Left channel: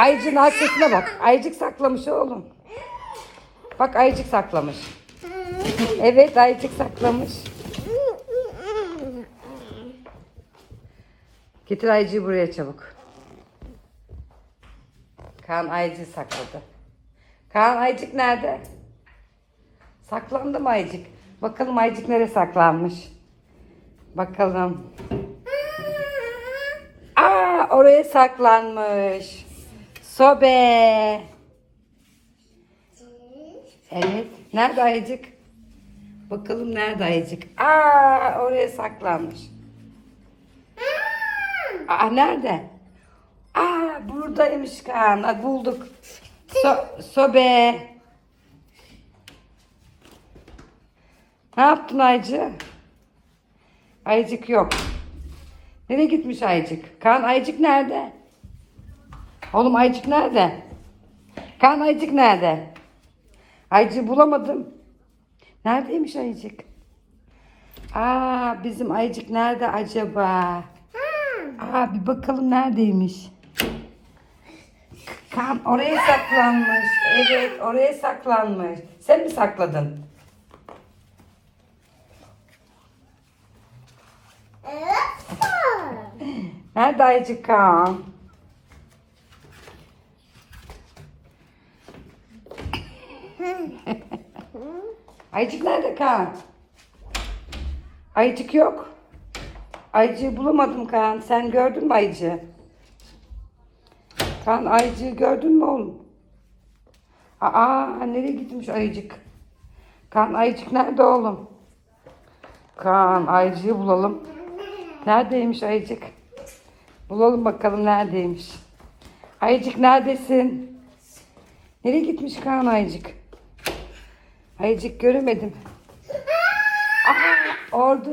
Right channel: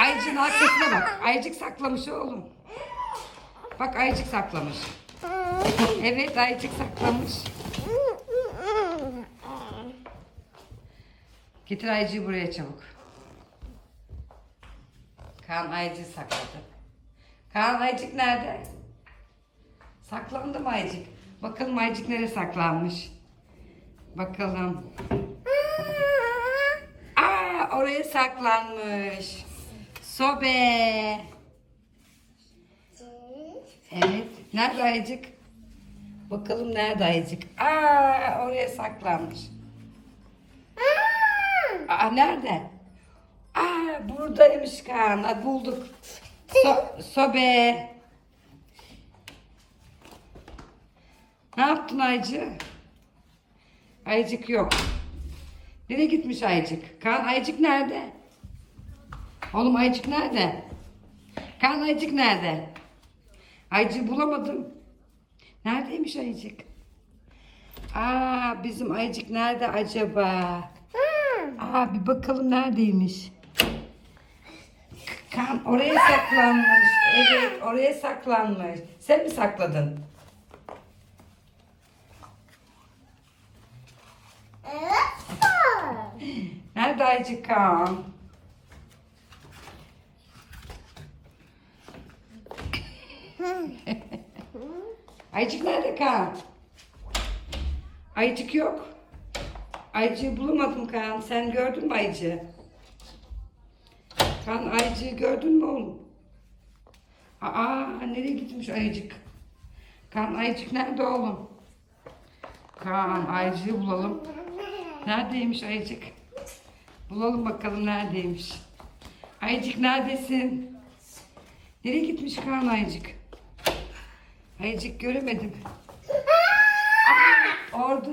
Ayıcığın arkasına bak. Ayıcık saklamış oğlum. Bak ayıcık saklamış. Evet ayıcık saklamış. Getir ayıcığı buraya çabuk. Kaan ayıcığı sakladı. Kaan ayıcık nerede? Saklandı mı ayıcık? Bakalım ayıcık nereye saklanmış? Bakalım. Aa oraya saklanmış. Sobe. Evet. Nerede ayıcık? Bakalım nerede ayıcık? Aa oraya saklanmış. Aa nerede? Aa buradaymış Kaan. Aa, bulduk. So- sobe. Ne yaptın Aycı? Ayıcık yok. Nereye gitmiş Aycık? Kaan Aycık nerede? Oğlum Aycık nerede? Kaan Aycık nerede? Aycık bulamadım. Neredeymiş Aycık? Aa bizim Aycık nerede acaba? Aa bir bakalım neredeymiş? Kaan oraya saklanmış. Evet oraya saklanmış. Sen mi sakladın? Nerede Aycık Kaan? Aycık nerede Kaan? Aycık yok. Aycığı bulamadım Kaan. Sen gördün mü Aycığı? Kaan Aycığı gördün mü oğlum? Aa nereye gitmiş Aycık? Kaan Aycık nerede oğlum? Kaan Aycığı bulalım. Neredeymiş Aycık? Bulalım bakalım neredeymiş. Aycık neredesin? Nereye gitmiş Kaan Aycık? Aycık göremedim. Aa, orada